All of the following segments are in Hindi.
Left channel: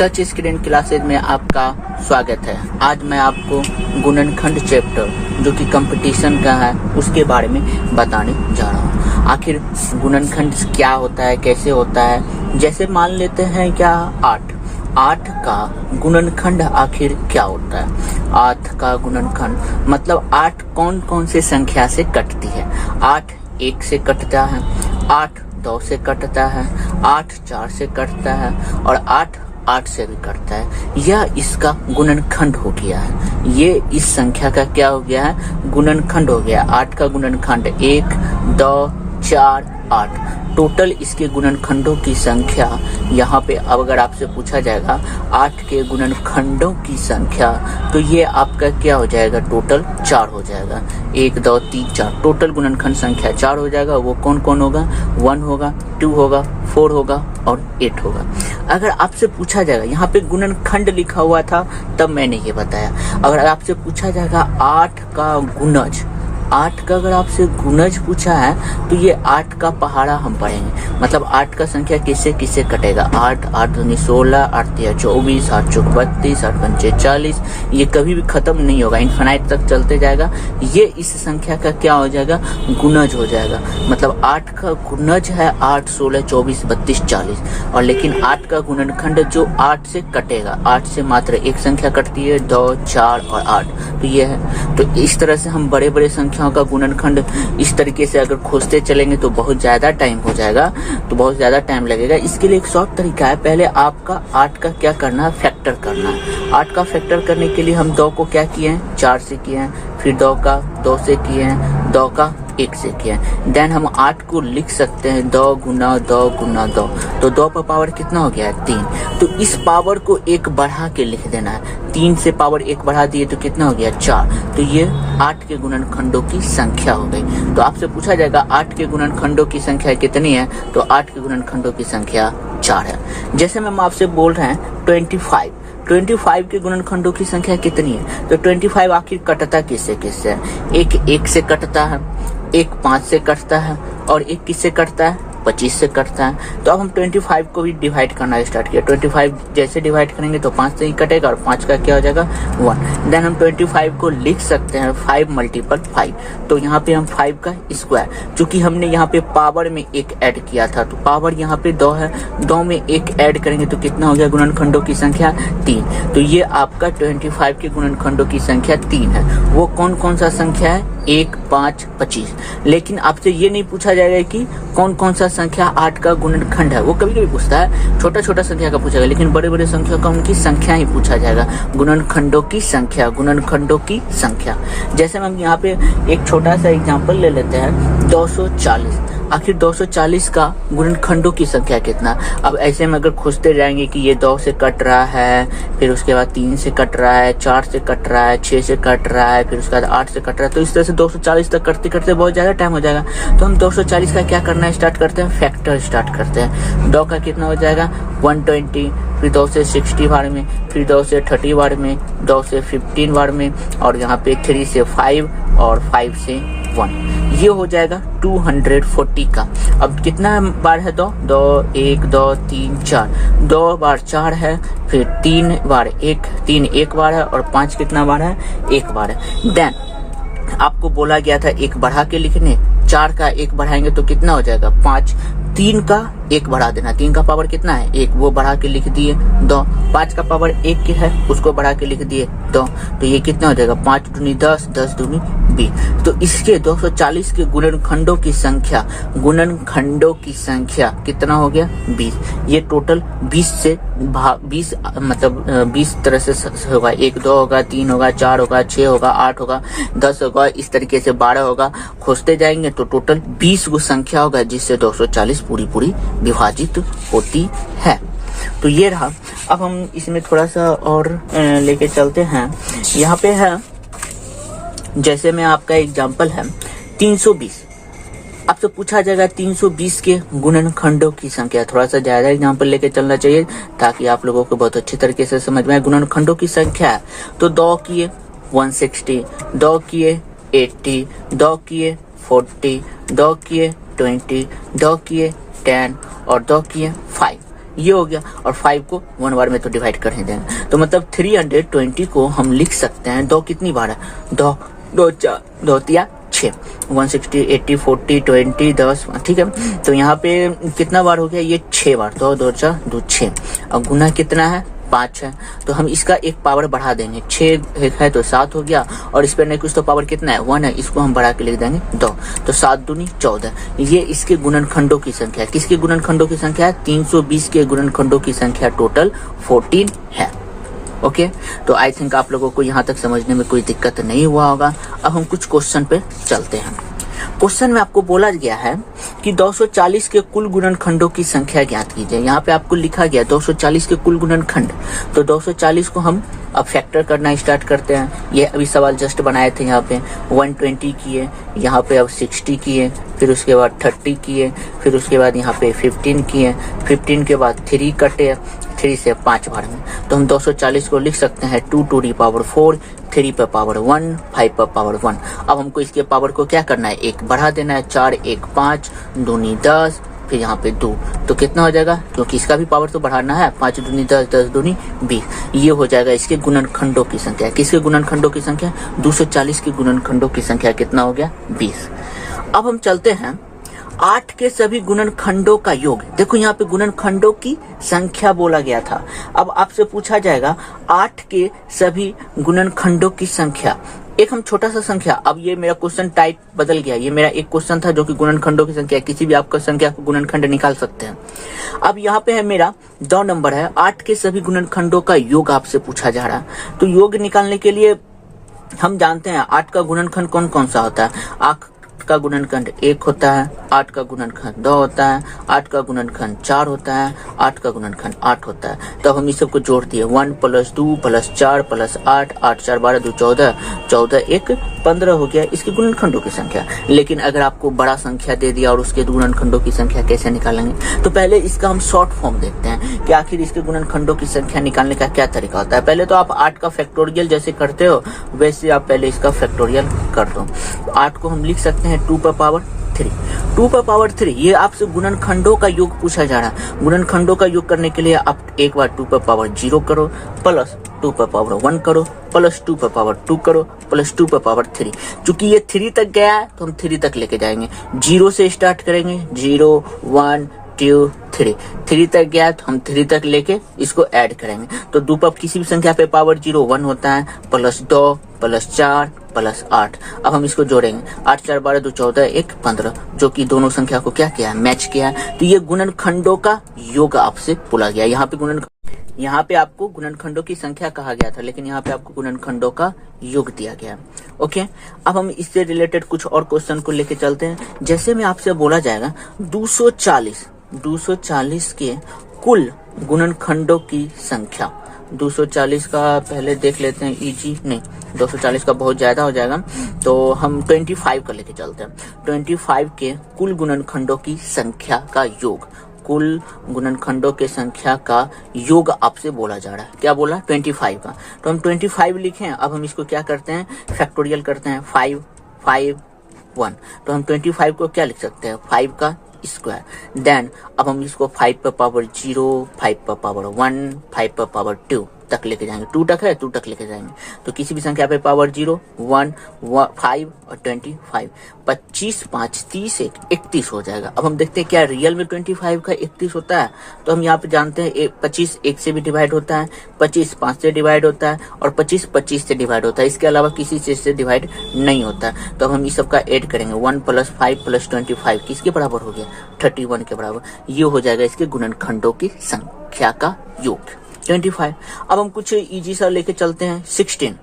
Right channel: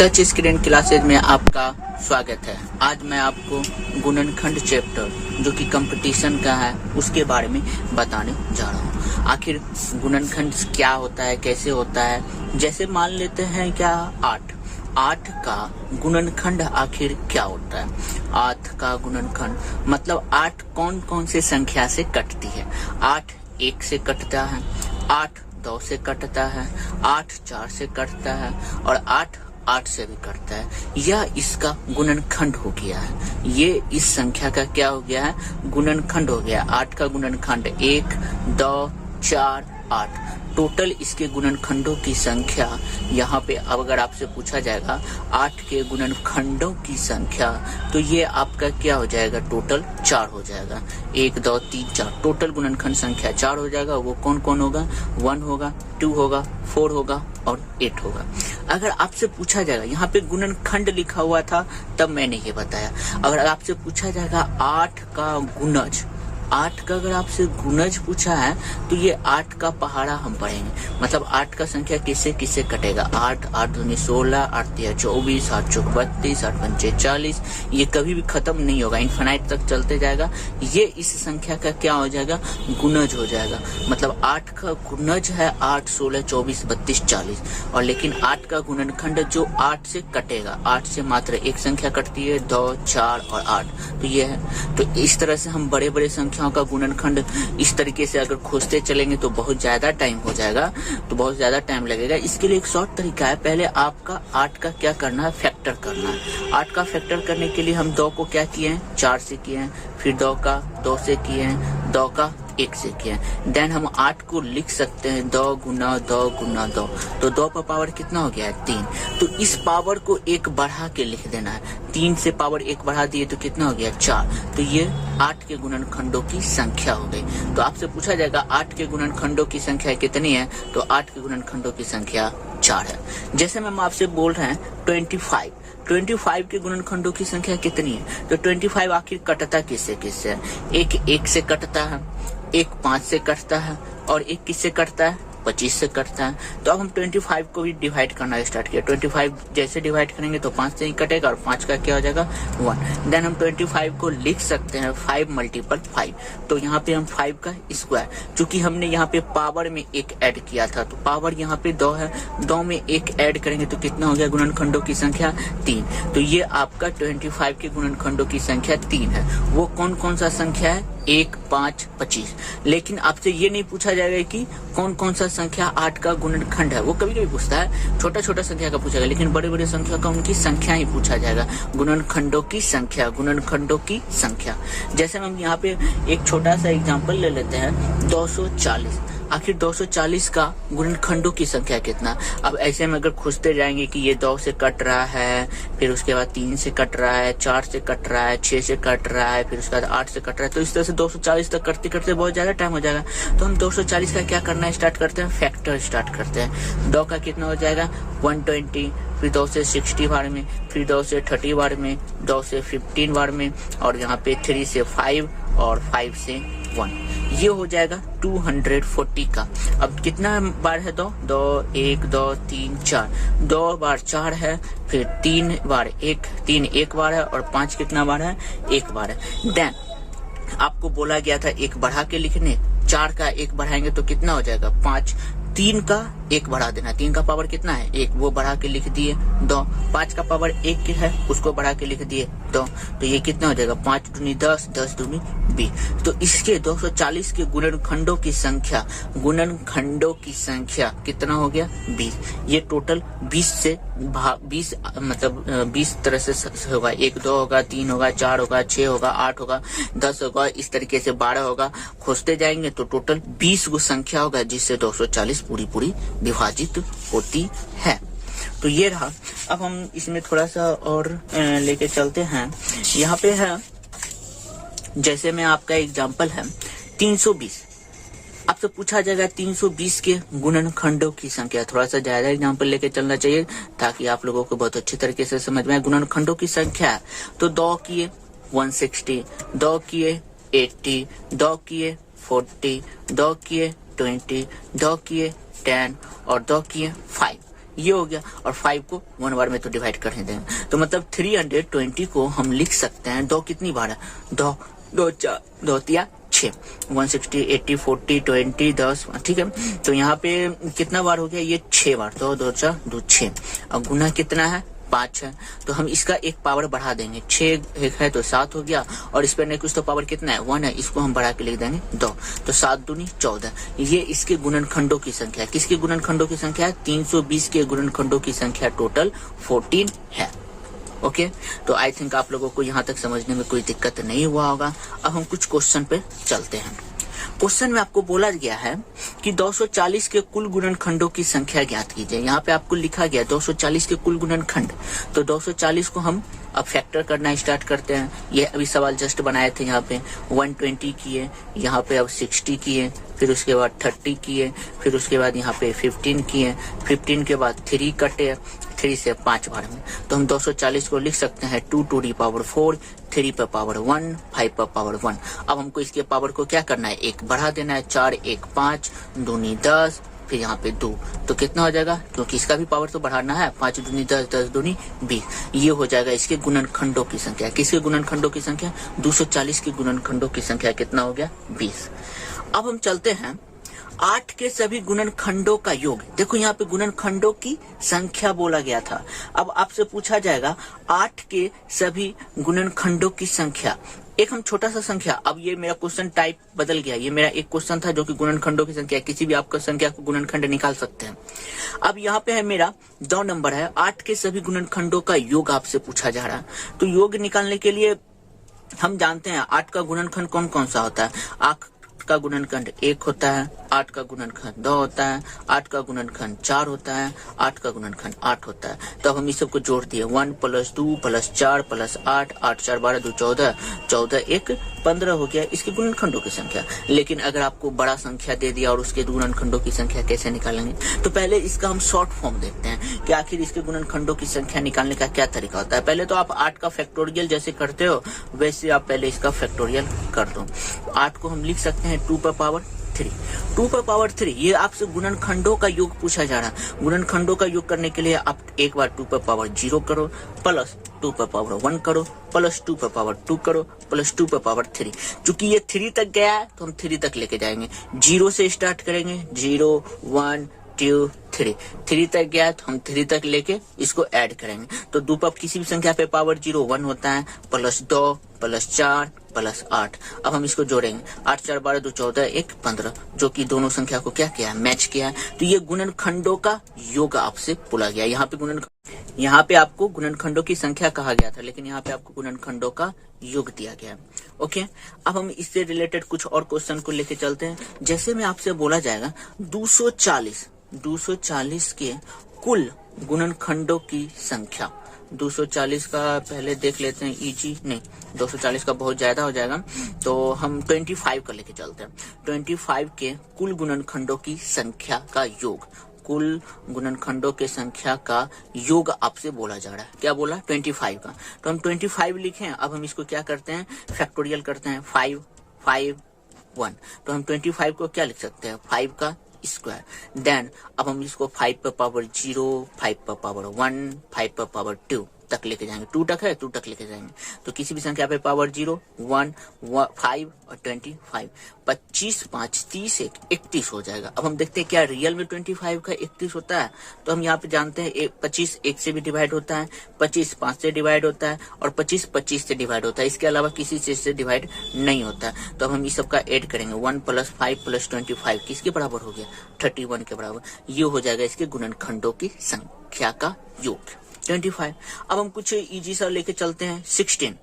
टच स्क्रीन क्लासेज में आपका स्वागत है। आज मैं आपको गुणनखंड चैप्टर जो कि कंपटीशन का है उसके बारे में बताने जा रहा हूँ। आखिर गुणनखंड क्या होता है, कैसे होता है। जैसे मान लेते हैं क्या 8 का गुणनखंड आखिर क्या होता है। 8 का गुणनखंड मतलब 8 कौन कौन से संख्या से कटती है। 8 1 से कटता है, 8 2 से कटता है, 8 4 से कटता है और 8 से भी कटता है। यह इसका गुणनखंड हो गया है। ये इस संख्या का क्या हो गया है, गुणनखंड हो गया। 8 का गुणनखंड 1 2 4 8। टोटल इसके गुणनखंडों की संख्या यहाँ पे अब अगर आपसे पूछा जाएगा 8 के गुणनखंडों की संख्या तो ये आपका क्या हो जाएगा, टोटल 4 हो जाएगा। 1 2 3 4 टोटल गुणनखंड संख्या 4 हो जाएगा। वो कौन कौन होगा, 1 होगा, 2 होगा, 4 होगा और 8 होगा। अगर आपसे पूछा जाएगा, यहाँ पे गुणनखंड लिखा हुआ था तब मैंने ये बताया। अगर आपसे पूछा जाएगा 8 का गुणज, 8 का अगर आपसे गुणज पूछा है तो ये 8 का पहाड़ा हम पढ़ेंगे। मतलब 8 का संख्या किससे किससे कटेगा। 8 8 दूनी 16, 8 3 24, 8 चौक 32, 8 पंचे 40। ये कभी भी खत्म नहीं होगा, इनफाइनाइट तक चलते जाएगा। ये इस संख्या का क्या हो जाएगा, गुणज हो जाएगा। मतलब 8 का गुणज है 8 16 24 32 40 और लेकिन 8 का गुणनखंड जो 8 से कटेगा, 8 से मात्र एक संख्या कटती है, 2 4 और 8। तो ये है। तो इस तरह से हम बड़े बड़े संख्याओं का गुणनखंड इस तरीके से अगर खोजते चलेंगे तो बहुत ज्यादा टाइम हो जाएगा, तो बहुत ज्यादा टाइम लगेगा। इसके लिए एक शॉर्ट तरीका है। पहले आपका 8 का क्या करना है, फैक्टर करना है। 8 का फैक्टर करने के लिए हम 2 को क्या किए हैं, 4 से किए हैं, फिर 2 का 2 से किए हैं, 2 का 1 से किए हैं। देन हम 8 को लिख सकते हैं 2 गुना 2 गुना 2। तो 2 का पावर कितना हो गया है, 3। तो इस पावर को 1 बढ़ा के लिख देना है। 3 से पावर 1 बढ़ा दिए तो कितना हो गया, 4। तो ये 8 के गुणनखंडों की संख्या हो गई। तो आपसे पूछा जाएगा 8 के गुणनखंडों की संख्या कितनी है, तो 8 के गुणनखंडों की संख्या 4 है। जैसे मैम आपसे बोल रहे हैं 25 के गुणनखंडों की संख्या कितनी है। तो 25 आखिर कटता किससे किससे है। एक 1 से कटता है, एक 5 से कटता है और एक किससे कटता है, 25 से कटता है। तो अब हम 25 को भी डिवाइड करना स्टार्ट किया। 25 जैसे डिवाइड करेंगे तो 5 से ही कटेगा और 5 का क्या हो जाएगा, 1। देन हम 25 को लिख सकते हैं 5 × 5। तो यहाँ पे हम 5 का स्क्वायर, चूंकि हमने यहाँ पे पावर में 1 ऐड किया था तो पावर यहाँ पे 2 है, 2 में 1 ऐड करेंगे तो कितना हो गया, गुणनखंडों की संख्या 3। तो ये आपका 25 के गुणनखंडों की संख्या 3 है। वो कौन कौन सा संख्या है, 1 5 25। लेकिन आपसे ये नहीं पूछा जाएगा कि कौन कौन सा संख्या 8 का गुणनखंड है। वो कभी कभी पूछता है, छोटा छोटा संख्या का पूछेगा, लेकिन बड़े बड़े संख्या का उनकी संख्या ही पूछा जाएगा। गुणनखंडों की संख्या, गुणनखंडों की संख्या। जैसे हम यहाँ पे एक छोटा सा एग्जांपल ले लेते हैं 240। आखिर 240 का गुणनखंडों की संख्या कितना। अब ऐसे में अगर खोजते जाएंगे कि ये 2 से कट रहा है, फिर उसके बाद 3 से कट रहा है, 4 से कट रहा है, 6 से कट रहा है, फिर उसके बाद 8 से कट रहा है, तो इस तरह से 240 तक करते करते बहुत ज्यादा टाइम हो जाएगा। तो हम 240 का क्या करना स्टार्ट करते हैं, फैक्टर स्टार्ट करते हैं। 2 का कितना हो जाएगा, 120, फिर 2 से 60 बार में, फिर 2 से 30 बार में, 2 से 15 बार में और यहाँ पे 3 से 5 और 5 से 1। ये हो जाएगा 240 का। अब कितना बार है, 2 2 1 2 3 4, 2 बार 4 है, फिर 3 बार 1 3 1 बार है और 5 कितना बार है, 1 बार है। देन आपको बोला गया था 1 बढ़ा के लिखने, 4 का 1 बढ़ाएंगे तो कितना हो जाएगा, 5। 3 का 1 बढ़ा देना, 3 का पावर कितना है, 1, वो बढ़ा के लिख दिए 2। 5 का पावर 1 की है, उसको बढ़ा के लिख दिए 2। तो ये कितना हो जाएगा, 5 दूनी 10, 10 दूनी 20। तो इसके 240 के गुणनखंडों की संख्या, गुणनखंडों की संख्या कितना हो गया, 20। ये टोटल 20 से 20 मतलब 20 तरह से होगा। 1 2 होगा, 3 होगा, 4 होगा, 6 होगा, 8 होगा, 10 होगा, इस तरीके से 12 होगा। खोजते जाएंगे तो टोटल 20 गो संख्या होगा जिससे 240 पूरी विभाजित होती है। तो ये रहा। अब हम इसमें थोड़ा सा और लेके चलते हैं। यहाँ पे है, जैसे में आपका एग्जाम्पल है 320। आपसे पूछा जाएगा 320 के गुणनखंडों की संख्या। थोड़ा सा ज्यादा एग्जाम्पल लेके चलना चाहिए ताकि आप लोगों को बहुत अच्छी तरीके से समझ में आए। गुणनखंडों की संख्या है तो 2 किए 160, 2 किए 80, 2 किए 40, 2 किए 20, 2 किए 10 और 2 किए 5। ये हो गया, और 5 को 1 बार में तो डिवाइड कर ही देंगे। तो मतलब 320 को हम लिख सकते हैं, 2 कितनी बार है, 2 2 4 2 3 6, 160 80 40 20 10, ठीक है। तो यहाँ पे कितना बार हो गया, ये 6 बार, तो 2 4 2 6। अब गुना कितना है, 5 है, तो हम इसका एक पावर बढ़ा देंगे, 6 है तो 7 हो गया, और इस पर नहीं कुछ तो पावर कितना है, 1 है, इसको हम बढ़ा के लिख देंगे 2, तो 7 दूनी 14। ये इसके गुणनखंडों की संख्या है। किसके गुणनखंडों की संख्या है, 320 के गुणनखंडों की संख्या टोटल 14 है। ओके, तो आई थिंक आप लोगों को यहाँ तक समझने में कोई दिक्कत नहीं हुआ होगा। अब हम कुछ क्वेश्चन पे चलते हैं। क्वेश्चन में आपको बोला गया है कि 240 के कुल गुणनखंडों की संख्या ज्ञात कीजिए। यहाँ पे आपको लिखा गया 240 के कुल गुणनखंड, तो 240 को हम अब फैक्टर करना स्टार्ट करते हैं। ये अभी सवाल जस्ट बनाए थे, यहाँ पे 120 किए, यहाँ पे अब 60 किए, फिर उसके बाद 30 किए, फिर उसके बाद यहाँ पे 15 किए, 15 के बाद 3 कटे, 3 से 5 बार में, तो हम 240 को लिख सकते हैं 2 to the power 4, 3 पर पावर 1, 5 पर पावर 1। अब हमको इसके पावर को क्या करना है, 1 बढ़ा देना है, 4 1 5, 2 10, फिर यहाँ पे 2, तो कितना हो जाएगा, क्योंकि इसका भी पावर तो बढ़ाना है, 5 दूनी 10, 10 दूनी 20। ये हो जाएगा इसके गुणनखंडों की संख्या। किसके गुणनखंडों की संख्या, 240 के गुणनखंडों की संख्या कितना हो गया, 20। अब हम चलते हैं 8 के सभी गुणनखंडों का योग। देखो यहाँ पे गुणनखंडों की संख्या बोला गया था। अब आपसे पूछा जाएगा 8 के सभी गुणनखंडों की संख्या। एक हम छोटा सा संख्या, अब ये मेरा क्वेश्चन टाइप बदल गया। ये मेरा एक क्वेश्चन था जो कि गुणनखंडों की संख्या, किसी भी आपका संख्या को गुणनखंड निकाल सकते हैं। अब यहाँ पे है मेरा 2 नंबर है, 8 के सभी गुणनखंडों का योग आपसे पूछा जा रहा है। तो योग निकालने के लिए हम जानते हैं 8 का गुणनखंड कौन कौन सा होता है। 8 का गुणनखंड 1 होता है, 8 का गुणनखंड 2 होता है, 8 का गुणनखंड 4 होता है, 8 का गुणनखंड 8 होता है। तो हम इस सबको जोड़ दिए, 1 + 2 + 4 + 8, 8 4 12 2 14, 14 1 15 हो गया इसके गुणनखंडों की संख्या। लेकिन अगर आपको बड़ा संख्या दे दिया और उसके गुणनखंडों की संख्या कैसे निकालेंगे, तो पहले इसका हम शॉर्ट फॉर्म देखते हैं कि आखिर इसके गुणनखंडों की संख्या निकालने का क्या तरीका होता है। पहले तो आप 8 का फैक्टोरियल जैसे करते हो वैसे आप पहले इसका फैक्टोरियल कर दो। 8 को हम लिख सकते हैं 2 पर पावर 3, 2 पर पावर 3। ये आपसे गुणनखंडों का योग पूछा जा रहा है। गुणनखंडों का योग करने के लिए आप एक बार 2 पर पावर 0 करो, प्लस 2 पर पावर 1 करो, प्लस 2 पर पावर 2 करो, प्लस 2 पर पावर 3। चूंकि ये 3 तक गया है तो हम 3 तक लेके जाएंगे। 0 से स्टार्ट करेंगे, 0 1 2 3, 3 तक गया तो हम 3 तक लेके इसको ऐड करेंगे। तो 2 पर किसी भी संख्या पे पावर 0 1 होता है, प्लस 2 प्लस 4 प्लस 8। अब हम इसको जोड़ेंगे, 8 4 12 2 14 1 15, जो कि दोनों संख्या को क्या किया है, मैच किया है। तो ये गुणनखंडों का योग आपसे बोला गया। यहाँ पे आपको गुणनखंडों की संख्या कहा गया था, लेकिन यहाँ पे आपको गुणनखंडों का योग दिया गया है। ओके, अब हम इससे रिलेटेड कुछ और क्वेश्चन को लेके चलते हैं। जैसे में आपसे बोला जाएगा 240 के कुल गुणनखंडों की संख्या। 240 का पहले देख लेते हैं, इजी नहीं, 240 का बहुत ज्यादा हो जाएगा, तो हम 25 का लेके चलते हैं। 25 के कुल गुणनखंडों की संख्या का योग, कुल गुणनखंडों के संख्या का योग आपसे बोला जा रहा है। क्या बोला, 25 का। तो हम 25 लिखें। अब हम इसको क्या करते हैं, फैक्टोरियल करते हैं, 5 5 1। तो हम 25 को क्या लिख सकते हैं, 5 का स्क्वायर। देन अब हम इसको 5 पर पावर 0, 5 पर पावर 1, 5 पर पावर 2 तक लेके जाएंगे। 2 तक है, 2 तक लेके जाएंगे। तो किसी भी संख्या पे पावर 0 1 5 और 25, 25 5 30 31 हो जाएगा। अब हम देखते हैं क्या रियल में 25 का 31 होता है। तो हम यहाँ पे जानते हैं 25 1 से भी डिवाइड होता है, 25 5 से डिवाइड होता है, और 25 25 से डिवाइड होता है। इसके अलावा किसी चीज से डिवाइड नहीं होता है। तो अब हम इस सब का एड करेंगे, 1 + 5 + 25 किसके बराबर हो गया, 31 के बराबर। ये हो जाएगा इसके गुणनखंडों की संख्या का योग, 25। अब हम कुछ इजी सा लेके चलते हैं, 16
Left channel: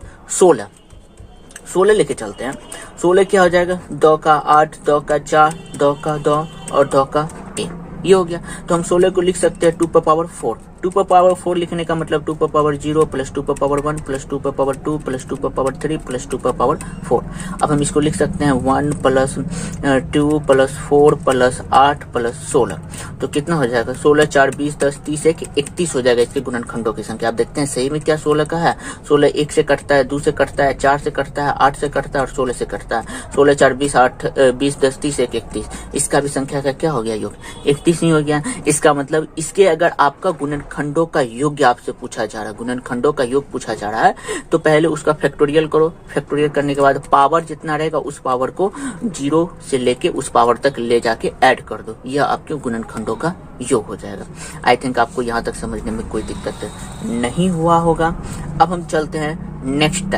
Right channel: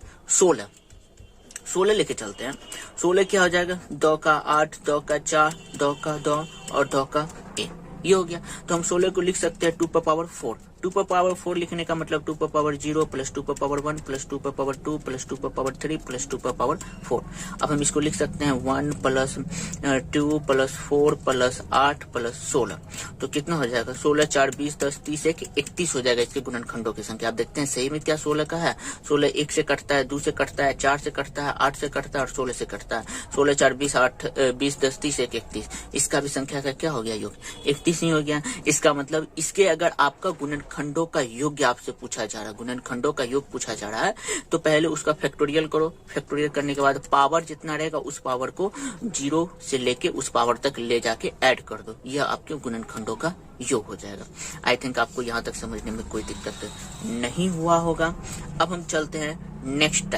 लेके चलते हैं। 16 क्या हो जाएगा, 2 का 8, 2 का 4, 2 का 2 और 2 का 1। ये हो गया। तो हम 16 को लिख सकते हैं 2 पर पावर 4, 2 पर पावर 4 लिखने का मतलब 2 पर पावर 0 प्लस 2 पर पावर 1 प्लस 2 पर पावर 2 प्लस 2 पर पावर 3 प्लस 2 पर पावर 4। अब हम इसको लिख सकते हैं 1 प्लस 2 प्लस 4 प्लस 8 प्लस 16। तो कितना हो जाएगा 16 4 20 10 30 1 31 हो जाएगा इसके गुणनखंडों की संख्या। आप देखते हैं सही में क्या 16 का है। 16 1 से कटता है, 2 से कटता है, 4 से कटता है, 8 से कटता है और 16 से कटता है। 16 4 20 8 20 10 30 1 31। इसका भी संख्या का क्या हो गया योग 31 ही हो गया। इसका मतलब इसके अगर आपका गुणनखंडों का योग आपसे पूछा जा रहा है, गुणनखंडों का योग पूछा जा रहा है, तो पहले उसका फैक्टोरियल करो। फैक्टोरियल करने के बाद पावर जितना रहेगा उस पावर को 0 से लेके उस पावर तक ले जाके ऐड कर दो। यह आपके गुणनखंडों का योग हो जाएगा। आई थिंक आपको यहाँ तक समझने में कोई दिक्कत नहीं हुआ होगा। अब हम चलते हैं नेक्स्ट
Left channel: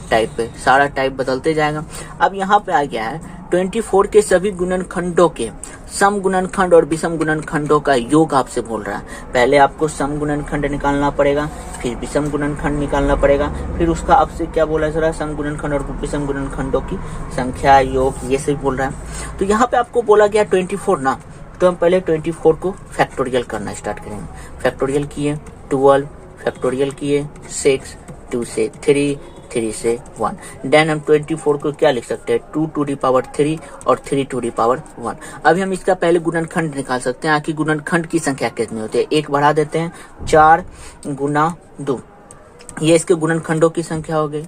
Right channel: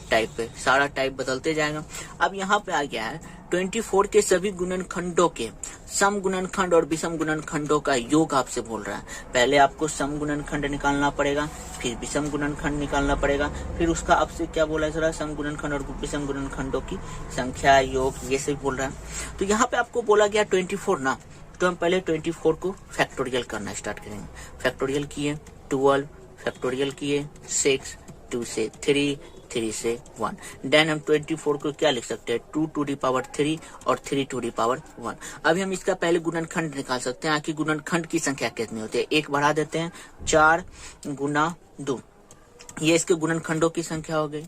टाइप पे। सारा टाइप बदलते जाएगा। अब यहाँ पे आ गया है 24 के सभी गुणनखंडों के सम गुणनखंड और विषम गुणनखंडों का योग आपसे बोल रहा है। पहले आपको सम गुणनखंड निकालना पड़ेगा, फिर विषम गुणनखंड निकालना पड़ेगा, फिर उसका आपसे क्या बोला जा रहा है सम गुणनखंड और विषम गुणनखंडों की संख्या, योग, ये सब बोल रहा है। तो यहाँ पे आपको बोला गया 24 ना, तो हम पहले 24 को फैक्टोरियल करना स्टार्ट करेंगे। फैक्टोरियल किए 12, फैक्टोरियल किए 6, 2 से 3, 3 से 1। देन हम 24 को क्या लिख सकते हैं 2 टू दी पावर 3 और 3 टू दी पावर 1। अभी हम इसका पहले गुणनखंड निकाल सकते हैं। आखिर गुणनखंड की संख्या कितनी होती है, एक बढ़ा देते हैं 4 गुना 2, ये इसके गुणनखंडों की संख्या हो गई।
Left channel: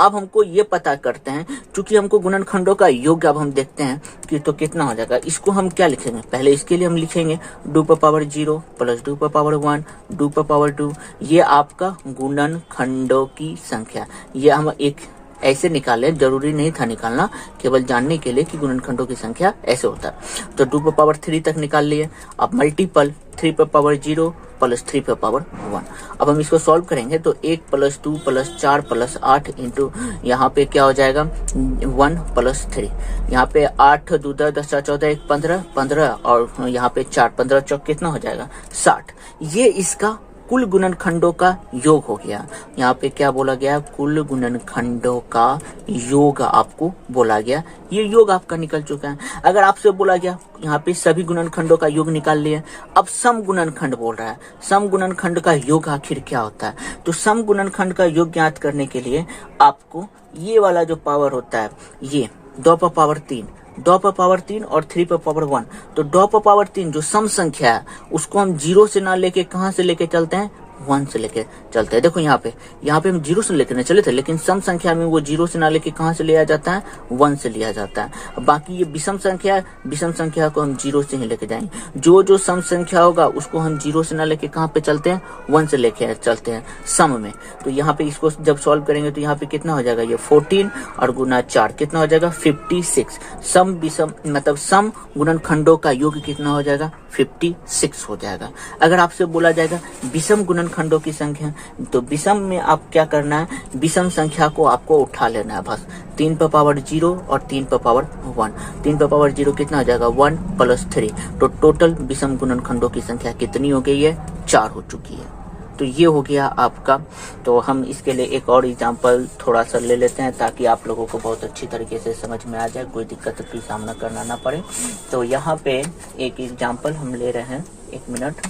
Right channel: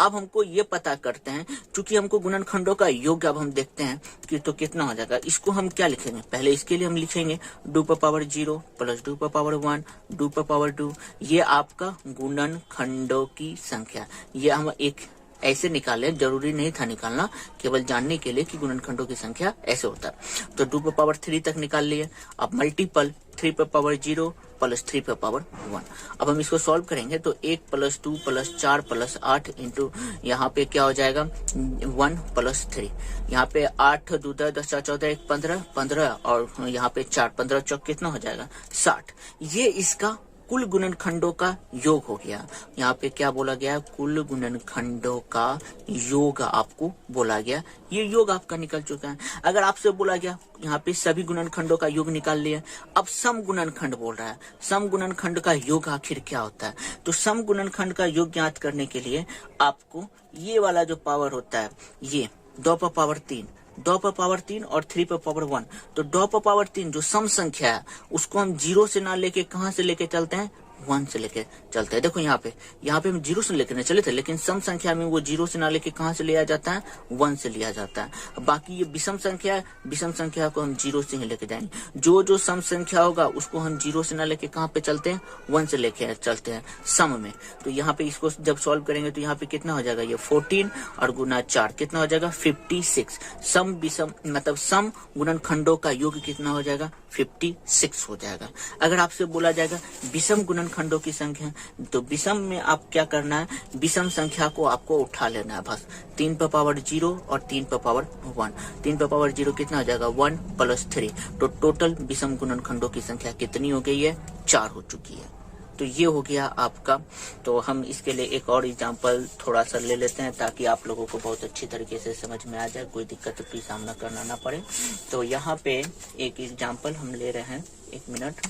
अब हमको ये पता करते हैं, चूंकि हमको गुणनखंडों का योग अब हम देखते हैं कि तो कितना हो जाएगा। इसको हम क्या लिखेंगे, पहले इसके लिए हम लिखेंगे 2 पर पावर 0 प्लस 2 पर पावर 1 2 पर पावर 2। ये आपका गुणनखंडों की संख्या। ये हम एक ऐसे निकाले, जरूरी नहीं था निकालना, केवल जानने के लिए कि गुणनखंडों की संख्या ऐसे होता है। तो 2 पर पावर 3 तक निकाल लिए। अब मल्टीपल 3 पर पावर 0 प्लस 3 पर पावर 1। अब हम इसको सॉल्व करेंगे तो 1 प्लस 2 प्लस 4 प्लस 8 इंटू यहाँ पे क्या हो जाएगा 1 प्लस 3। यहाँ पे 8 2 10 10 4 14 1 15 15 और यहाँ पे 4 15 चौक कितना हो जाएगा 60। ये इसका कुल गुणनखंडों का योग हो गया। यहाँ पे क्या बोला गया, कुल गुणनखंडों का योग आपको बोला गया। ये योग आपका निकल चुका है। अगर आपसे बोला गया यहाँ पे सभी गुणनखंडों का योग निकाल लिया, अब सम गुणनखंड बोल रहा है, सम गुणनखंड का योग आखिर क्या होता है। तो सम गुणनखंड का योग ज्ञात करने के लिए आपको ये वाला जो पावर होता है, ये 2 पर पावर 3, 2 पर पावर 3 और 3 पर पावर 1। तो 2 पर पावर 3 जो सम संख्या है उसको हम 0 से ना लेके कहां से लेके चलते हैं 1 से लेके चलते हैं। देखो यहाँ पे हम 0 से लेकर चले थे, लेकिन सम संख्या में वो 0 से ना लेके कहां से लिया जाता है 1 से लिया जाता है। बाकी ये विषम संख्या है, विषम संख्या को हम 0 से ही लेके जाएंगे। जो सम संख्या होगा उसको हम 0 से ना लेके कहां पे चलते हैं 1 से लेके चलते हैं सम में। तो यहाँ पे इसको जब सॉल्व करेंगे तो यहाँ पे कितना हो जाएगा, ये 14 और गुना 4 कितना हो जाएगा 56। सम विषम मतलब सम गुणनखंडों का योग कितना हो जाएगा 56 हो जाएगा। अगर आपसे बोला जाएगा विषम गुणनखंडों की संख्या, तो विषम में आप क्या करना है, विषम संख्या को आपको उठा लेना है बस। 3 पर पावर 0 और 3 पर पावर 1। 3 पर पावर 0 कितना हो जाएगा 1 प्लस 3। तो टोटल विषम गुणनखंडों की संख्या कितनी हो गई है 4 हो चुकी है। तो ये हो गया आपका। तो हम इसके लिए एक और एग्जांपल थोड़ा सा ले लेते हैं ताकि आप लोगों को बहुत अच्छी तरीके से समझ में आ जाए, कोई दिक्कत की सामना करना ना पड़े। तो यहाँ पे एक एग्जांपल हम ले रहे हैं, 1 मिनट।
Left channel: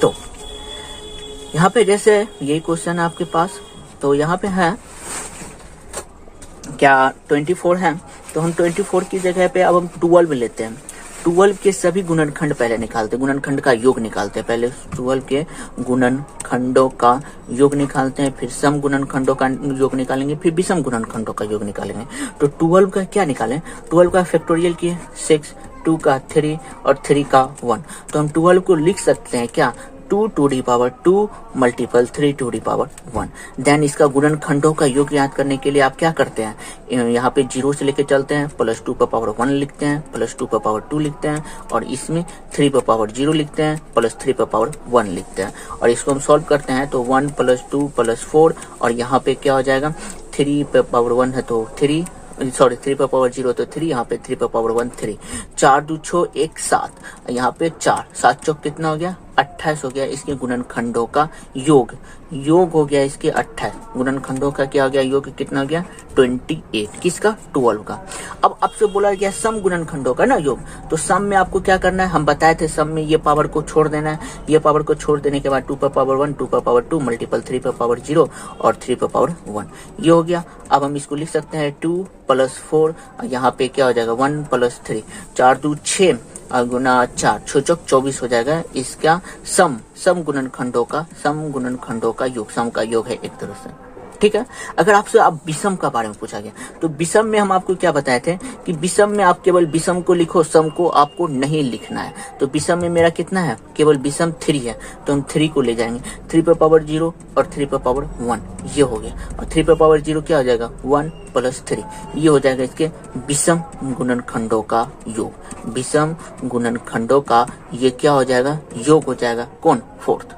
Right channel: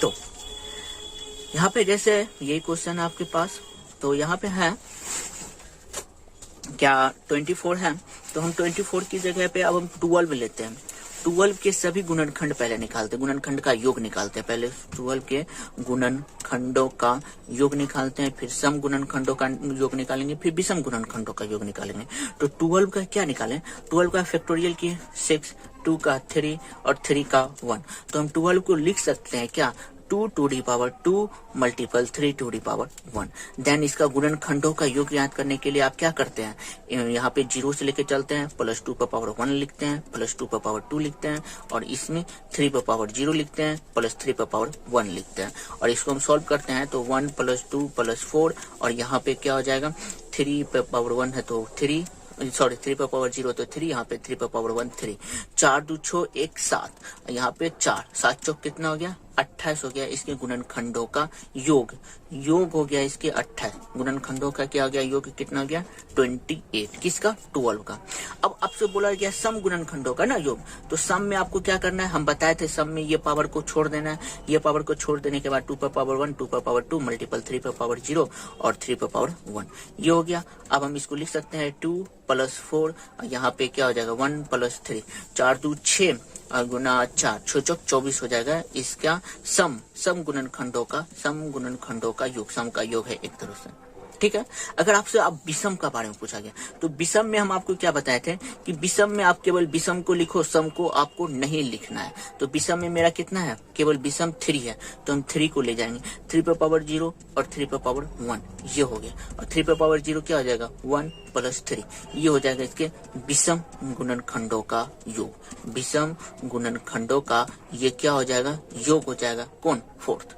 तो यहाँ पे जैसे यही क्वेश्चन है आपके पास, तो यहाँ पे है क्या 24 है, तो हम 24 की जगह पे अब हम 12 लेते हैं। 12 के सभी गुणनखंड पहले निकालते हैं, गुणनखंड का योग निकालते हैं। पहले 12 के गुणनखंडों का योग निकालते हैं, फिर सम गुणनखंडों का योग निकालेंगे, फिर विषम गुणनखंडों का योग निकालेंगे। तो 12 का क्या निकालें, 12 का फैक्टोरियल किए 6, 2 का 3 और 3 का 1। तो हम 12 को लिख सकते हैं क्या 2 to the power 2 multiple 3 to the power 1। Then इसका गुणनखंडों का योग याद करने के लिए आप क्या करते हैं, यहाँ पे 0 से लेके चलते हैं, प्लस 2 पर पावर 1 लिखते हैं, प्लस 2 पर पावर 2 लिखते हैं, और इसमें 3 पर पावर 0 लिखते हैं, प्लस 3 पर पावर 1 लिखते हैं। और इसको हम सॉल्व करते हैं तो 1 प्लस 2 प्लस 4, और यहाँ पे क्या हो जाएगा 3 पर पावर 1 है तो 3 पर पावर 0 तो 3, यहाँ पे 3 पर पावर 1 3। 4 2 6 1 7, यहाँ पे 4 7 चौक कितना हो गया 28 हो गया इसके गुणनखंडों का योग। योग हो गया इसके 28, गुणनखंडों का क्या हो गया योग, कितना हो गया 28, किसका 12 का। अब आपसे बोला गया सम गुणनखंडों का ना योग, तो सम में आपको क्या करना है, हम बताए थे सम में ये पावर को छोड़ देना है, ये पावर को छोड़ देने के बाद 2 पर पावर 1, 2 पर पावर 2 मल्टीपल 3 पर पावर 0 और 3 पर पावर 1, ये हो गया। अब हम इसको लिख सकते हैं 2 + 4, यहाँ पे क्या हो जाएगा 1 + 3, 4 2 6 और गुना 4 6 चौक 24 हो जाएगा इसका सम गुणनखंडों का योग, सम का योग है एक तरह से, ठीक है। अगर आपसे आप विषम का बारे में पूछा गया तो विषम में हम आपको क्या बताए थे कि विषम में आप केवल विषम को लिखो, सम को आपको नहीं लिखना है। तो विषम में मेरा कितना है, केवल विषम 3 है, तो हम 3 को ले जाएंगे, 3 पर पावर 0 और 3 पर पावर 1, ये हो गया। और 3 पर पावर 0 क्या हो जाएगा 1 + 3, ये हो जाएगा इसके विषम गुणनखंडों का योग। विषम गुणनखंडों का ये क्या हो जाएगा, योग हो जाएगा, कौन 4th।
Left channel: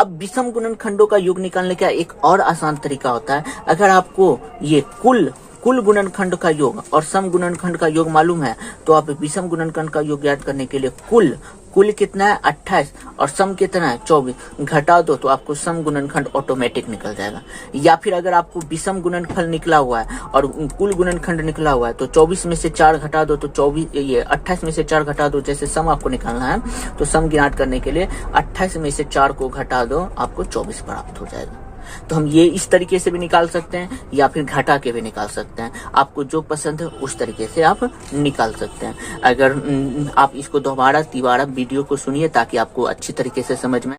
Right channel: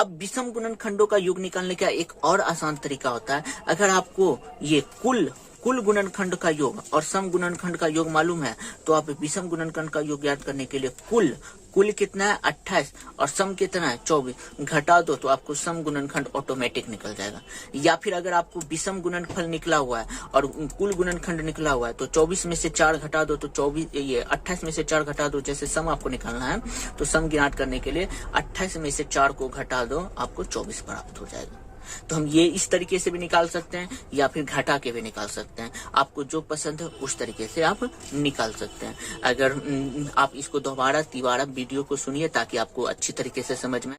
अब विषम गुणनखंडों का योग निकालने का एक और आसान तरीका होता है, अगर आपको ये कुल गुणनखंड का योग और सम गुणनखंड का योग मालूम है तो आप विषम गुणनखंड का योग याद करने के लिए कुल कितना है 28 और सम कितना है 24, घटा दो तो आपको सम गुणनखंड ऑटोमेटिक निकल जाएगा। या फिर अगर आपको विषम गुणनखंड निकला हुआ है और कुल गुणनखंड निकला हुआ है तो 24 में से 4 घटा दो तो 28 में से 4 घटा दो, जैसे सम आपको निकालना है तो सम ज्ञात करने के लिए 28 में से 4 को घटा दो, आपको 24 प्राप्त हो जाएगा। तो हम ये इस तरीके से भी निकाल सकते हैं या फिर घटा के भी निकाल सकते हैं, आपको जो पसंद है उस तरीके से आप निकाल सकते हैं। अगर आप इसको दोबारा तिबारा वीडियो को सुनिए ताकि आपको अच्छी तरीके से समझ में।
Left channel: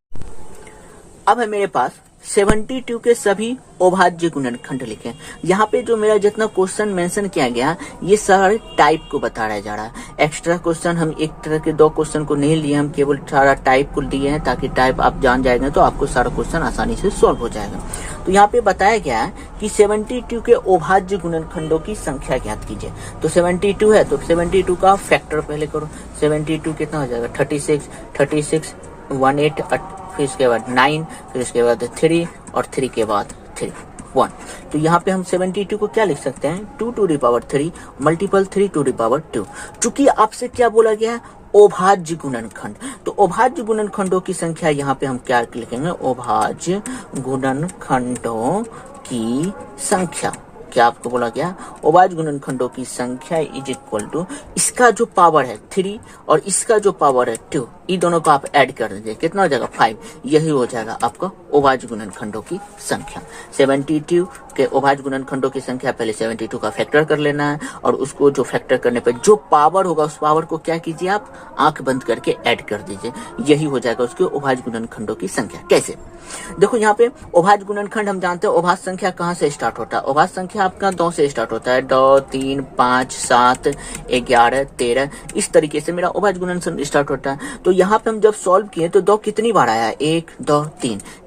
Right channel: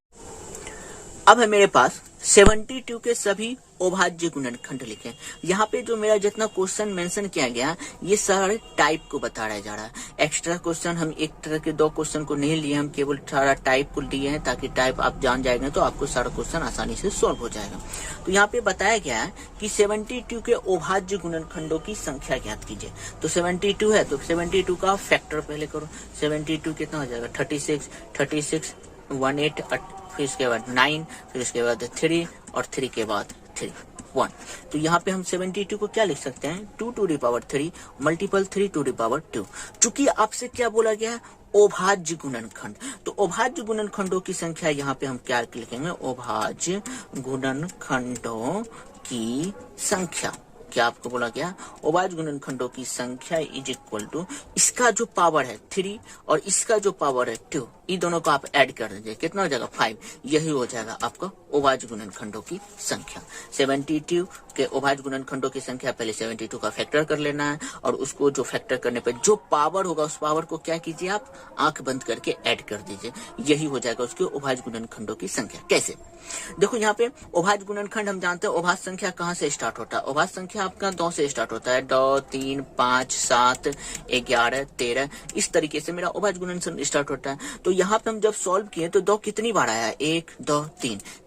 अब है मेरे पास 72 के सभी अभाज्य गुणनखंड लिखे। यहाँ पे जो मेरा जितना क्वेश्चन मेंशन किया गया ये सारे टाइप को बताया जा रहा है। एक्स्ट्रा क्वेश्चन हम एक तरह के 2 क्वेश्चन को नहीं लिए, हम केवल सारा टाइप को लिए हैं ताकि टाइप आप जान जाएंगे तो आपको सारा क्वेश्चन आसानी से सॉल्व हो जाएगा। तो यहाँ पे बताया गया है कि 72 के अभाज्य गुणनखंडों की संख्या ज्ञात कीजिए। तो 72 है तो 72 का फैक्टर पहले करो, 72 कितना हो जाएगा 36 18 फिर इसके बाद 9 फिर इसके बाद 3 और 3 के बाद 3 1। तो यहाँ पे हम 72 को क्या लिख सकते हैं 2 to the power 3 multiple 3 to the power 2। चूंकि आपसे क्या बोला गया है अभाज्य गुणनखंड, तो अभाज्य गुणनखंडों की संख्या यहाँ पे हम क्या लिखेंगे, अभाज्य गुणनखंडों की संख्या। क्या आपको बोला गया अभाज्य गुणनखंडों की संख्या इज इक्वल टू इसका जो पावर है 3 और इसका जो पावर है 2, इन दोनों को आप ऐड कर दीजिए, कितना हो जाएगा 5, यही हो जाएगा आपका अभाज्य गुणनखंडों की संख्या। 72 के अभाज्य गुणनखंडों की संख्या पहले 72 का फैक्टर कर लेना है और उसको जो फैक्टर करने पे जो पावर होगा उस पावर को क्या कीजिए आप आंख बंद करके ऐड कर दीजिए, यही हो जाएगा उसके अभाज्य गुणनखंडों की संख्या। कैसे, देखो यहाँ पे अभाज्य गुणनखंड हम जानते हैं अभाज्य संख्या कहाँ से स्टार्ट होता है, अभाज्य संख्या आपका 2 से स्टार्ट होता है, 2 3 5 7 11 13, इस तरीके से मेरा अभाज्य गुणनखंड स्टार्ट होता है। तो यहाँ पे हम जब सॉल्व किए तो 2 कितनी बार आया 1 2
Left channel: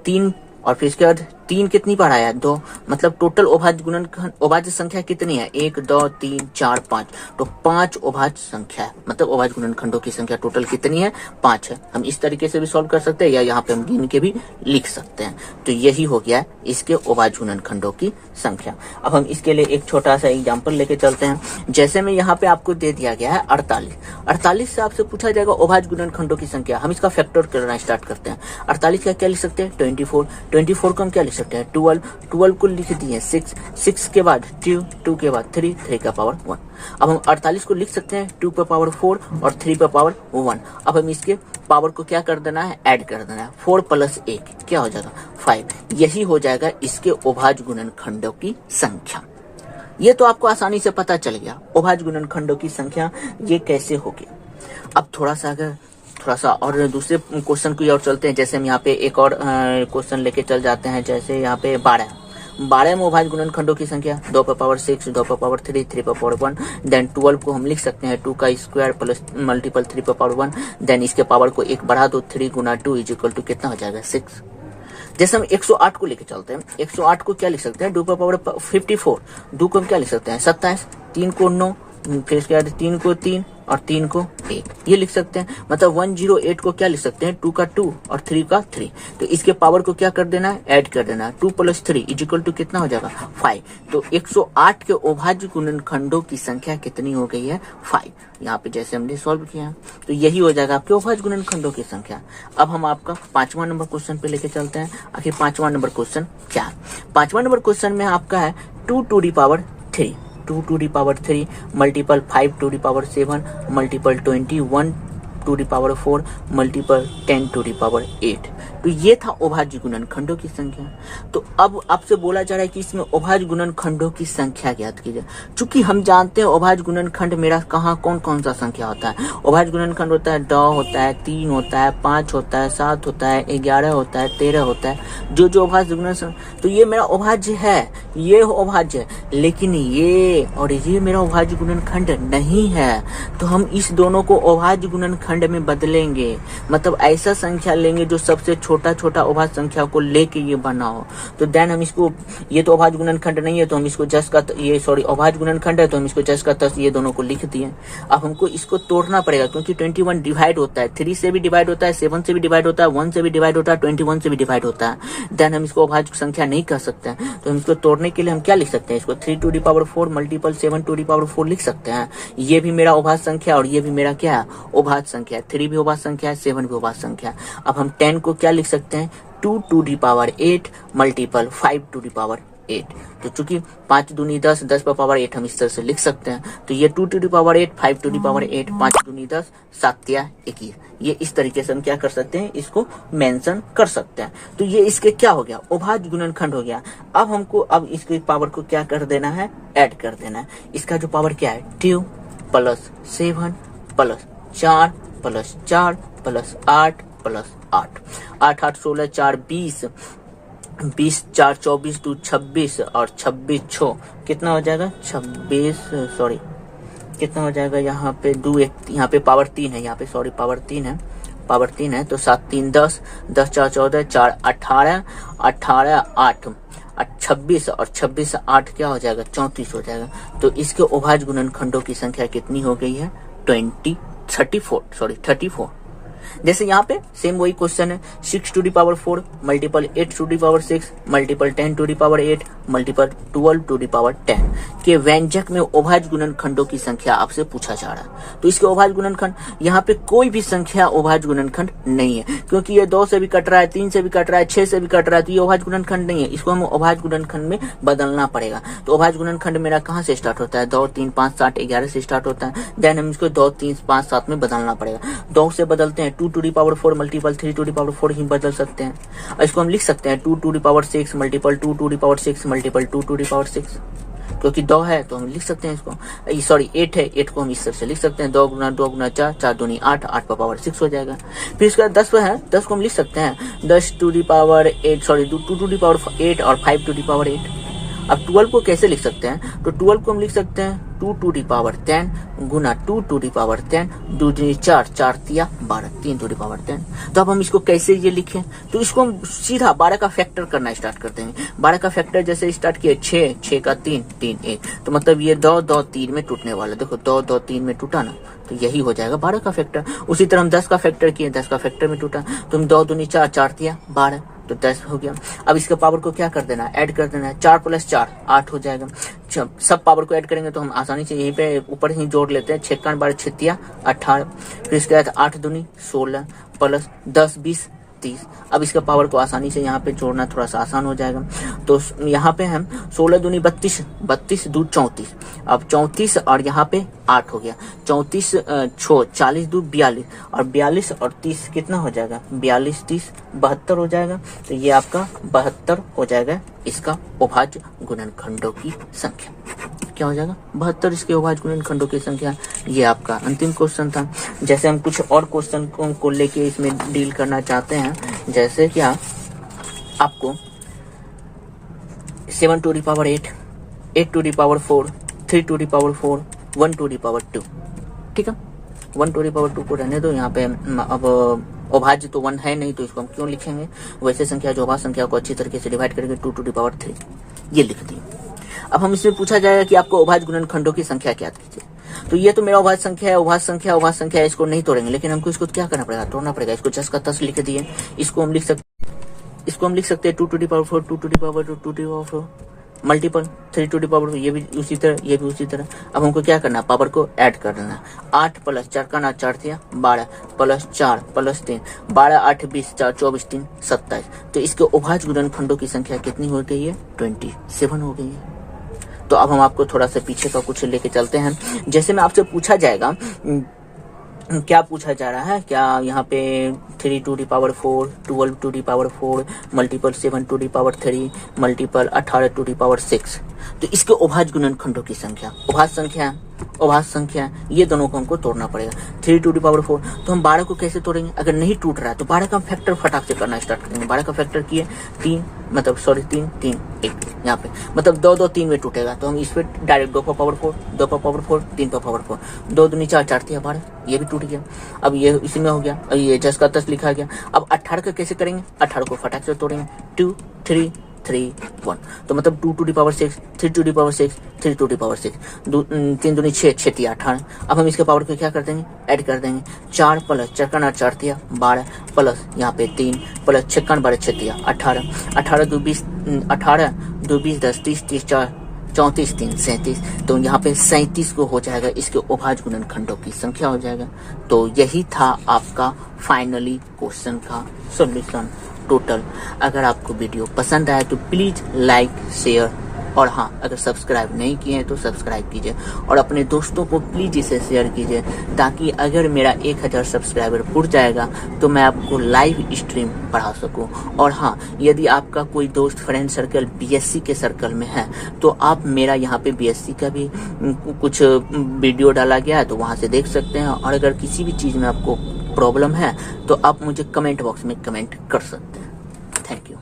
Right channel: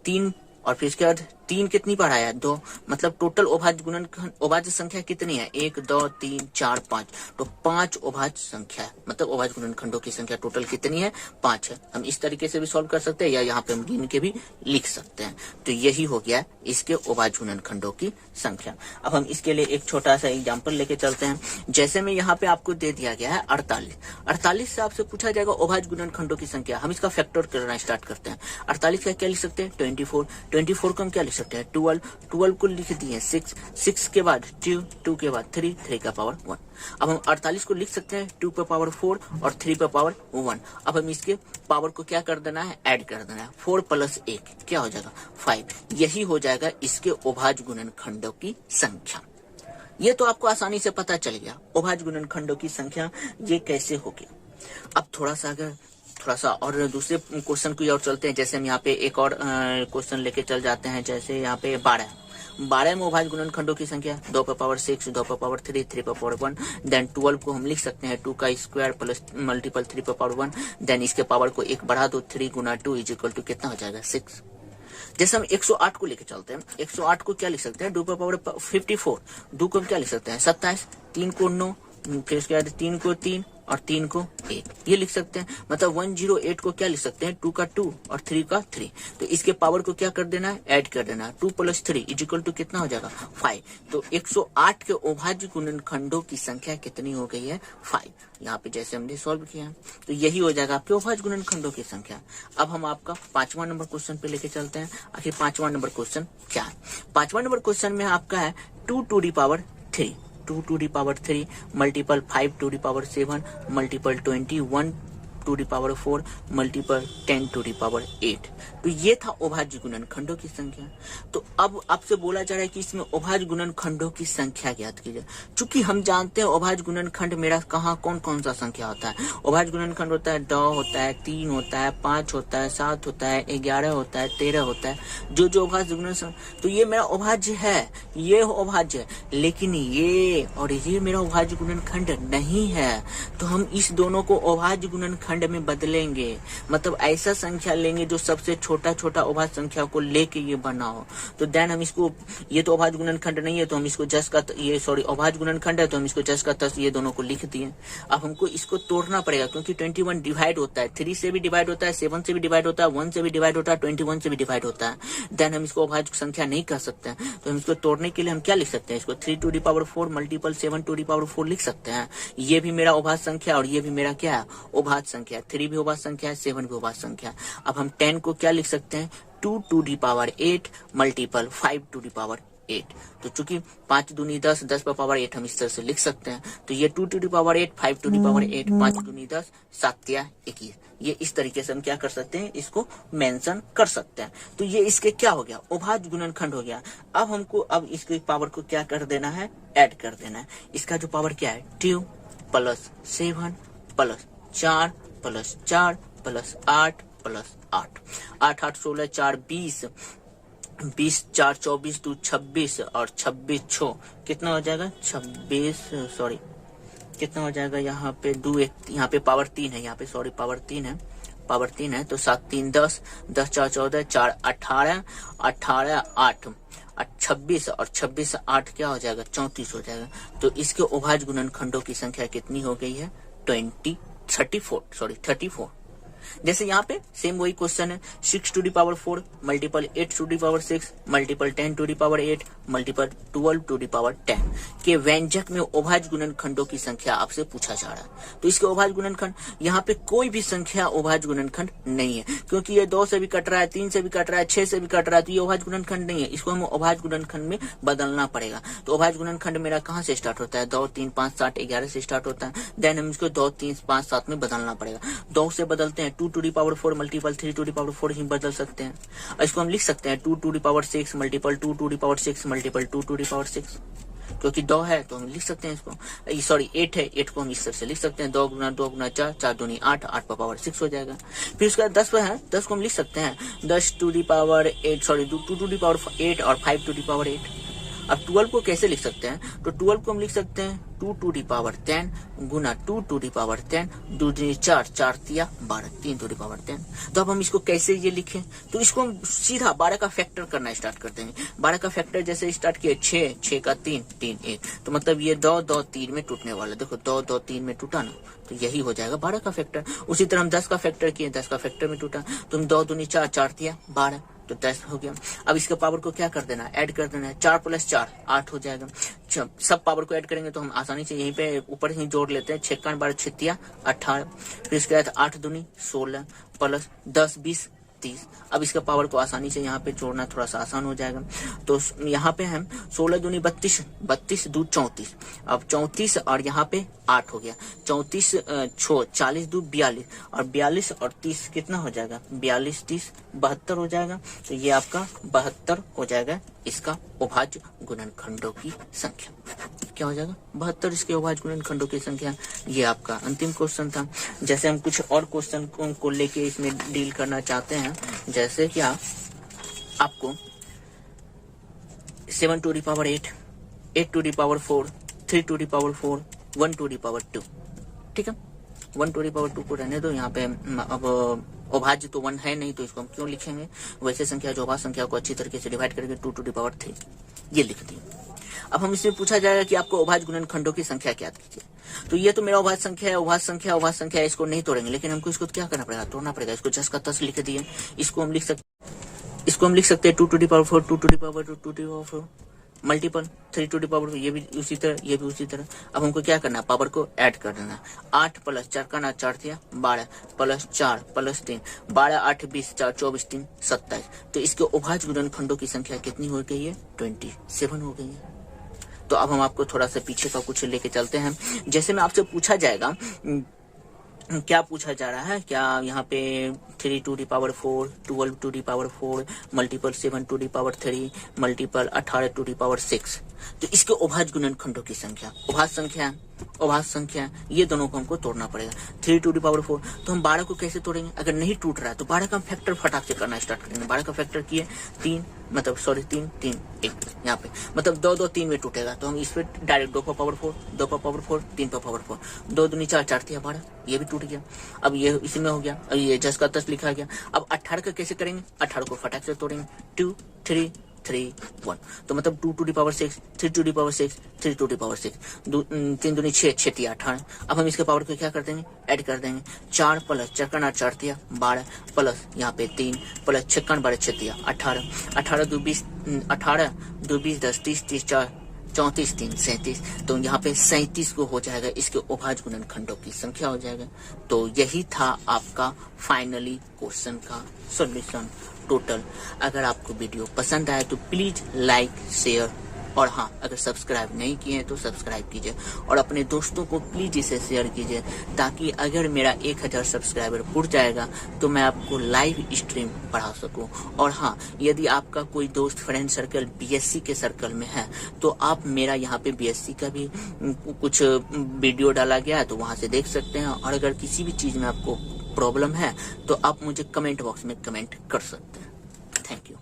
3 और फिर इसके बाद 3 कितनी बार आया 2, मतलब टोटल अभाज्य संख्या कितनी है 1 2 3 4 5, तो 5 अभाज्य संख्या है, मतलब अभाज्य गुणनखंडों की संख्या टोटल कितनी है 5 है। हम इस तरीके से भी सॉल्व कर सकते हैं या यहाँ पे हम गिन के भी लिख सकते हैं। तो यही हो गया इसके अभाज्य गुणनखंडों की संख्या। अब हम इसके लिए एक छोटा सा एग्जाम्पल लेके चलते हैं। जैसे में यहाँ पे आपको दे दिया गया है 48 से आपसे पूछा जाएगा अभाज्य गुणनखंडों की संख्या। हम इसका फैक्टर करना स्टार्ट करते हैं। 48 का क्या लिख सकते हैं 24 को हम क्या लिख सकते हैं 12 को लिख दिए 6 के बाद 2 के बाद 3 का पावर 1। अब हम 48 को लिख सकते हैं 2 पर पावर 4 और 3 पर पावर 1। अब हम इसके पावर को क्या कर देना है ऐड कर देना है, 4 + 1 क्या हो जाएगा 5, यही हो जाएगा इसके अभाज्य गुणनखंडों की संख्या। ये तो आपको आसानी से पता चल गया अभाज्य गुणनखंडों की संख्या ये कैसे होगी। अब थोड़ा सा और दूसरे क्वेश्चन की ओर चलते हैं। जैसे हम यहाँ पे एक और क्वेश्चन लेके चल जाते हैं। जैसे यहाँ पे 12 में अभाज्य गुणनखंडों की संख्या 2 पर पावर 6 2 पर पावर 3 3 पर पावर 1, देन 12 को हम लिख सकते हैं 2 का स्क्वायर प्लस मल्टीपल 3 पर पावर 1, देन इसके पावर को 1 बढ़ा दो 3 गुना 2 इज इक्वल टू कितना हो जाएगा 6। जैसे हम 108 को लेके चलते हैं, 108 को क्या लिख सकते हैं 2 पर पावर 54, 2 को हम क्या लिख सकते हैं 27, 3 को 9, फिर इसके बाद 3 को 3 और 3 को 1, ये लिख सकते हैं। मतलब 108 को क्या लिख सकते हैं, 2 का 2 और 3 का 3। तो इसके पावर को क्या कर देना है, ऐड कर देना है। 2 + 3 = कितना हो जाएगा, 5। तो 108 के अभाज्य गुणनखंडों की संख्या कितनी हो गई है, 5। यहाँ पे जैसे हमने सॉल्व किया है, तो यही हो जाएगा आपके अभाज्य गुणनखंडों की संख्या। अब हम आपका 5वां नंबर क्वेश्चन पे लेके चलते हैं। आखिर 5वां नंबर क्वेश्चन क्या है। 5वां नंबर क्वेश्चन में आपका है 2 to the power 3, 2 to the power 3 multiple 5 to the power 7 multiple 21 to the power 4 multiple 10 to the power 8। तो ये था अभाज्य गुणनखंडों की संख्या। तो अब आपसे बोला जा रहा है कि इसमें अभाज्य गुणनखंडों की संख्या ज्ञात कीजिए। चूंकि हम जानते हैं अभाज्य गुणनखंड मेरा कहाँ कौन कौन सा संख्या होता है। अभाज्य गुणनखंड होता है 2 होता है, 3 होता है, 5 होता है, 7 होता है, 11 होता है, 13 होता है, जो अभाज्य गुणनखंड। तो ये मेरा अभाज्य है, ये अभाज्य है, लेकिन ये और ये मेरा अभाज्य गुणनखंड नहीं है। तो हम इस दोनों को अभाज्य गुणनखंड में बदलेंगे। मतलब ऐसा संख्या लेंगे जो सबसे छोटा छोटा अभाज्य संख्या को लेके ये बना हो। तो देन हम इसको, ये तो अभाज्य गुणनखंड नहीं है तो हम इसको जस का ये सॉरी अभाज्य गुणनखंड है तो हम इसको जस का तस ये दोनों को लिख दिए। अब हमको इसको तोड़ना पड़ेगा क्योंकि 21 डिवाइड होता है, 3 से भी डिवाइड होता है, 7 से भी डिवाइड होता है, 1 से भी डिवाइड होता है, 21 से भी डिवाइड होता है। देन हम इसको अभाज्य संख्या नहीं कह सकते हैं। तो हम इसको तोड़ने के लिए हम क्या लिख सकते हैं, इसको 3 to the power 4 multiple 7 to the power 4 लिख सकते हैं। ये भी मेरा अभाज्य संख्या और ये भी मेरा क्या है, अभाज्य संख्या। 3 भी अभाज्य संख्या है, 7 भी अभाज्य संख्या। अब हम 10 को क्या लिख सकते हैं, 2 to the power 8 multiple 5 to the power 8। तो चूंकि 5 दूनी 10, 10 पर पावर 8 हम इस तरह से लिख सकते हैं। तो ये 2 to the power 8, 5 to the power 8, 5 दूनी 10, 7 या 21। ये इस तरीके से हम क्या कर सकते हैं, इसको मेंशन कर सकते हैं। तो ये इसके क्या हो गया, अभाज्य गुणनखंड हो गया। अब हमको अब इसके पावर को क्या कर देना है, ऐड कर देना है। इसका जो पावर क्या है, 2 + 7 + 4 + 4 + 8 + 8, 8 8 16 4 20, 20 4 24 2 26 और 26 6 कितना हो जाएगा, 26 सॉरी कितना हो जाएगा, यहाँ पे 2 1, यहाँ पे पावर 3 है, यहाँ पे सॉरी पावर 3 है, पावर 3 है। तो 7 3 10, 10 4 14, 4 18, 18 8 26 और 26 8 क्या हो जाएगा, 34 हो जाएगा। तो इसके अभाज्य गुणनखंडों की संख्या कितनी हो गई है, 34। जैसे यहाँ पे सेम वही क्वेश्चन है, 6 to the power 4 multiple 8 to the power 6 multiple 10 to the power 8 multiple 12 to the power 10 के व्यंजक में अभाज्य गुणनखंडों की संख्या आपसे पूछा जा रहा है। तो इसके अभाज्य गुणनखंड, यहाँ पे कोई भी संख्या अभाज्य गुणनखंड नहीं है क्योंकि ये 2 से भी कट रहा है, 3 से भी कट रहा है, 6 से भी कट रहा है। तो ये अभाज्य गुणनखंड नहीं है, इसको हम अभाज्य गुणनखंड में बदलना पड़ेगा। तो अभाज्य गुणनखंड मेरा कहाँ से स्टार्ट होता है, 2 3 5 7 11 से स्टार्ट होता है। देन हम इसको 2 3 5 7 में बदलना पड़ेगा। 2 से बदलते हैं 2 to the power 4 multiple 3 to the power 4 ही बदल सकते हैं। इसको हम लिख सकते हैं 2 to the power 6 multiple 2 to the power 6 multiple 2 to the power 6, क्योंकि 2 है तो हम लिख सकते हैं इसको, सॉरी 8 है, 8 को हम इस तरह से लिख सकते हैं, 2 गुना 2 गुना 4, 4 दूनी 8, 8 पर पावर 6 हो जाएगा। फिर इसका 10 है, 10 को हम लिख सकते हैं 10 to the power 8 sorry 2 to the power 8 और 5 to the power 8। अब 12 को कैसे लिख सकते हैं, तो 12 को हम लिख सकते हैं 2 to the power 10 Guna 2 to the power 10, 2 दूनी 4, 4 तिया 12, 3 to the power 10। तो अब हम इसको कैसे ये लिखें, तो इसको हम सीधा 12 का फैक्टर करना स्टार्ट कर देंगे। 12 का फैक्टर जैसे स्टार्ट किए 6, 6 का 3, 3 1, तो मतलब ये 2 2 3 में टूटने वाला, देखो 2 2 3 में टूटा ना, तो यही हो जाएगा 12 का फैक्टर। उसी तरह हम 10 का फैक्टर किए, 10 का फैक्टर में टूटा, तो हम 2 दूनी 4, 4 तिया 12, तो 10 हो गया। अब इसके पावर को क्या कर देना है, ऐड कर देना है। 4 + 4 8 हो जाएगा। सब पावर को ऐड करेंगे तो हम आसानी से यहीं पे ऊपर ही जोड़ लेते हैं, 6 12 6 18, फिर इसके बाद 8 दूनी 16 प्लस 10 20 30। अब इसका पावर को आसानी से यहाँ पे जोड़ना थोड़ा सा आसान हो जाएगा। तो यहाँ पे हम 16 दूनी 32, 32 2 34, अब 34 और यहाँ पे 8 हो गया, 34 40 2 42 और 42 और 30 कितना हो जाएगा, 42 30 72 हो जाएगा। तो ये आपका 72 हो जाएगा इसका अभाज्य गुणनखंडों की संख्या। क्या हो जाएगा, 72 इसके अभाज्य गुणनखंडों की संख्या। ये आपका अंतिम क्वेश्चन था। जैसे हम कुछ और क्वेश्चन को लेके इसमें डील करना चाहते हैं, जैसे क्या आपको 7 to the power 8, 8 to the power 4, 3 to the power 4, 1 to the power 2, ठीक है। 1 to the power 2 को रहने दो, यहाँ पे अब अभाज्य तो 1 है नहीं तो इसको हम क्यों लिखेंगे, वैसे संख्या जो अभाज्य संख्या को अच्छी तरीके से डिवाइड करेंगे 2 to the power 3, ये लिख दिए। अब हम इसमें पूछा जाएगा कि आपको अभाज्य गुणनखंडों की संख्या ज्ञात कीजिए। तो ये तो मेरा अभाज्य संख्या है, अभाज्य संख्या, अभाज्य संख्या, इसको नहीं तोड़ेंगे, लेकिन हमको इसको क्या करना पड़ेगा, तोड़ना पड़ेगा। इसको 10 का 10 लिख दिए, इसको हम लिख सकते हैं 2 to the power 4, 2 to the power 2, 2 to the power 4 multiple 3 to the power 4, ये भी उसी तरह, ये भी उसी तरह। अब हमको क्या करना है, पावर को ऐड कर देना है। 8 प्लस 4 का ना 4 थिया 12 प्लस 4 प्लस 3, 12 8 20 4 24 3 27। तो इसके अभाज्य गुणनखंडों की संख्या कितनी हो गई है, 27 हो गई है। तो अब हम आपको थोड़ा सा पीछे का कुछ लेके चलते हैं। जैसे में आपसे पूछा जाएगा, क्या पूछा जा रहा है, क्या यहाँ पे 3 to the power 4, 12 to the power 4 multiple 7 to the power 3 multiple 18 to the power 6। तो इसके अभाज्य गुणनखंडों की संख्या, अभाज्य संख्या ये दोनों को हमको तोड़ना पड़ेगा। 3 to the power 4, तो हम 12 को कैसे तोड़ेंगे, अगर नहीं टूट रहा है तो 12 का फैक्टर फटाक से करना स्टार्ट करेंगे। 12 का फैक्टर किए 3 1 यहाँ पे, मतलब 2 2 3 में टूटेगा, तो हम इस पे डायरेक्ट 2 पर पावर 4 2 पर पावर 4 3 पर पावर 4, 2 दूनी 4 4 थी 12, ये भी टूट गया। अब ये इसी में हो गया, और ये 10 का 10 लिखा गया। अब 18 का कैसे करेंगे, 18 को फटाक से तोड़ेंगे, 2 3 3 1, तो मतलब 2 to the power 6, 3 to the power 6, 3 to the power 6, 3 दूनी 6 6 थी 18। अब हम इसके पावर को क्या कर देंगे, ऐड कर देंगे। 4 प्लस 4 का ना 4 थिया 12 प्लस यहाँ पे 3 प्लस 6 का 12 6 थिया 18, 18 2 20 18 2 20 10 30 30 4 34 3 37, तो यहाँ पे 37 को हो जाएगा, इसके अभाज्य गुणनखंडों की संख्या हो जाएगा। तो यही था आपका फाइनली क्वेश्चन का सॉल्यूशन टोटल। अगर आपको वीडियो पसंद आया तो प्लीज लाइक शेयर, और हाँ, अगर सब्सक्राइब नहीं किए हैं तो सब्सक्राइब कीजिए, और अपने दोस्तों को प्लीज इसे शेयर कीजिए, ताकि अगर मेरा 1000 सब्सक्राइबर पूर जाएगा तो मैं आपको लाइव स्ट्रीम पढ़ा सकूं। और हाँ, यदि आपका कोई दोस्त फ्रेंड सर्कल बीएससी के सर्कल में है तो आप मेरा यहाँ पे बीएससी का भी कुछ वीडियो डाला गया है, तो वहां से देख सकते हैं। और अगर किसी भी चीज में आपको प्रॉब्लम है तो आप मुझे कमेंट बॉक्स में कमेंट कर सकते हैं। Thank you.